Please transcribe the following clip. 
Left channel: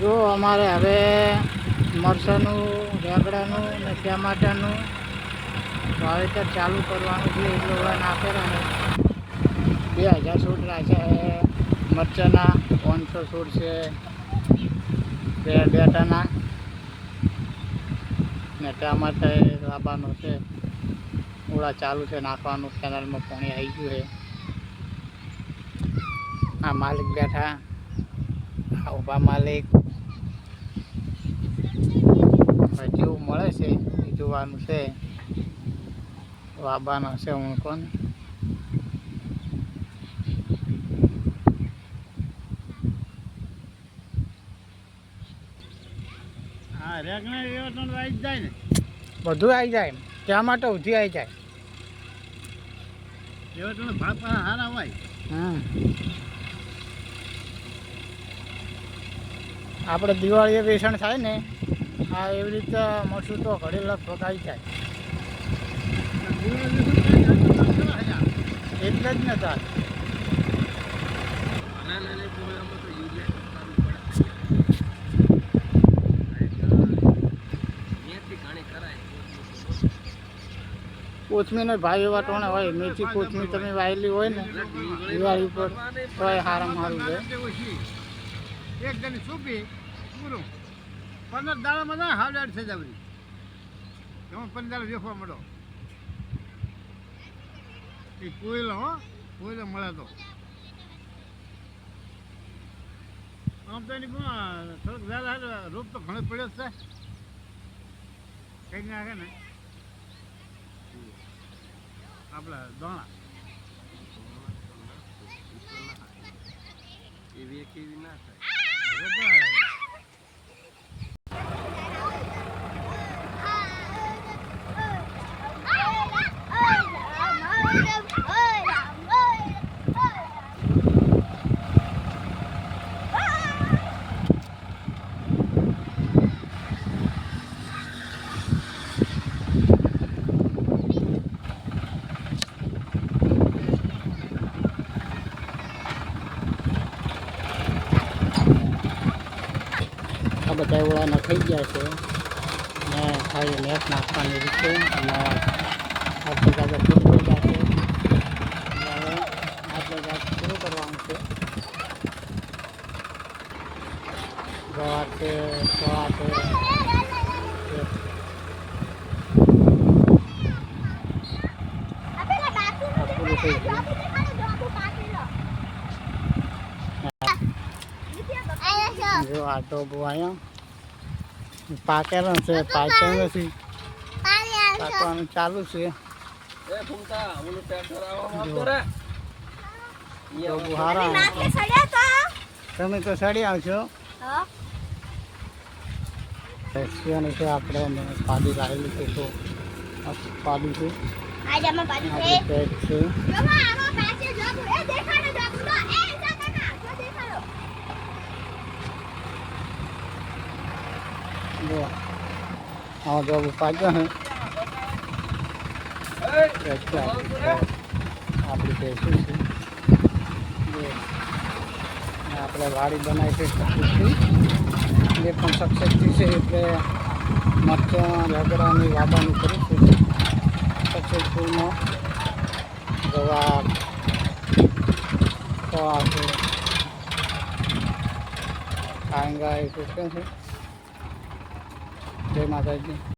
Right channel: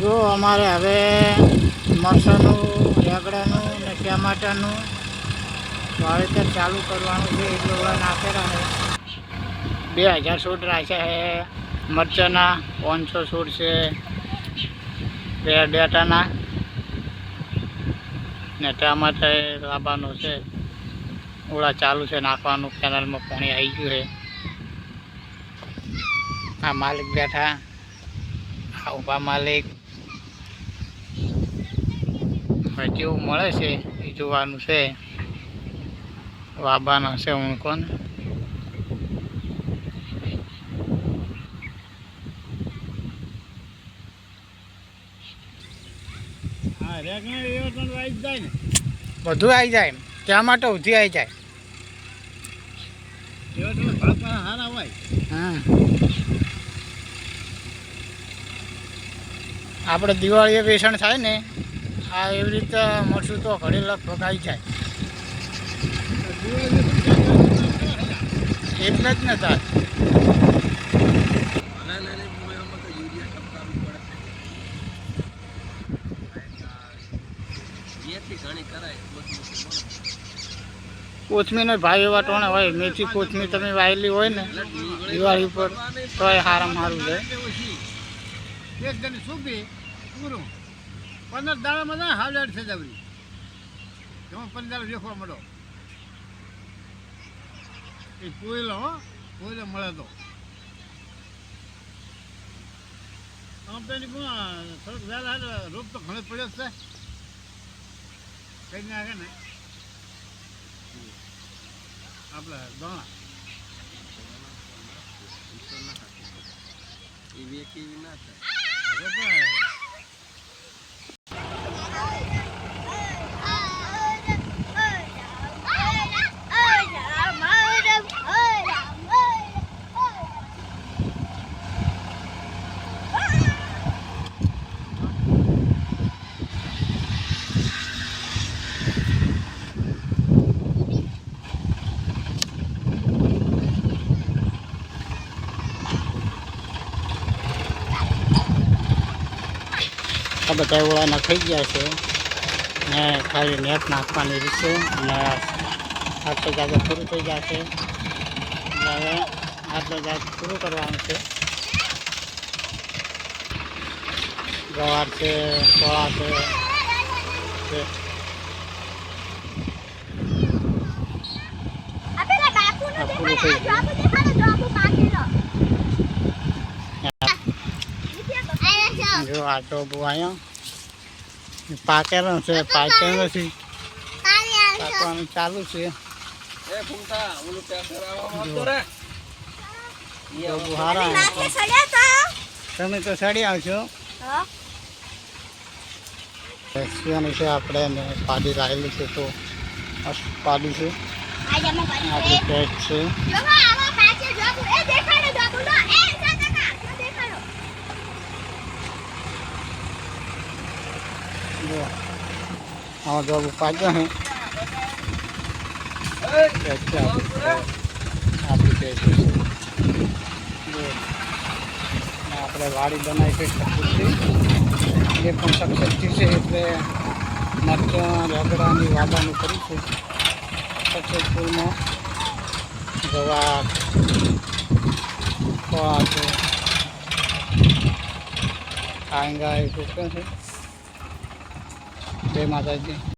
જો અમારે હવે મરચાંનું, રેગડાનું ને ટમાટાનું વાવેતર ચાલુ કરવાનું છે. એટલે ઓલા નાખેલા છે 2000 છોડ રાખ્યા છે મરચાંના, 500 છોડ છે બેટાના ને ટમાટા લાવવાનું છે. ઓળા ચાલુ છે નાખવાનું. કેનાલમાં પાણી આવી ગયું છે. આ માલિક બેઠા, આ ઉભા માલિક. જેવું મળે છે એ જોવાનું છે. વાબાનો છે હું કોણ બધું આવી જાય. ત્યાં માટે ઉધી આવી જાય. આપણે દિવાળીએ વેચાણ થાય ને, આ એવી રીતે મળશું તો ઘડી લગભગ આવી જાય. એટલે જ ને તાર કોથમીનો ભાવ એવા ટોણે હોય. મેથી કોથમીર તમે વાયેલી હોય ને દિવાળી ઉપર તો એ સારામાં સારું છે. 15 દાડામાં ના હાલ થઈ જાય. 15 વેખવા મળો એ કોયલો મળે તો આમ તો એની થોડોક રોગ તો ઘણો પડ્યો છે. કઈ નાખે ને આપણે દણા એવી કેવી ના થાય. આ બધા ઓળા નખાઈ ગયા છે ને ખાલી નેટ નાખવાની રીત છે. અને આટલી જાગે પૂરું થઈ જશે એટલે હવે આટલા જાગે પૂરું કરવાનું છે. ગવાર છે, સોળા છે. પૂરું થઈ ગયું. જો આ ટોબો આવ્યો પાકેલો છે, પાકેલો નથી, પાકવાનું ચાલુ છે. તમે તો સડી આવશો. છે આપણે પાડી લાવેલી છે તો પાડી છે. આપણી પેટ છે. જો આવો જોબ પાડ્યો હે આપણી પેટ છે. જો આપણે વાડી બનાવી છે કપૂરથી, એ પણ સક્સેસથી છે. એટલે મરચાં, રગડાની વાબાનું કર્યું છે સક્સેસફુલમાં. ગવાર, ફળા છે, કાંગા એ ટોક્યા છે. જય માતાજી.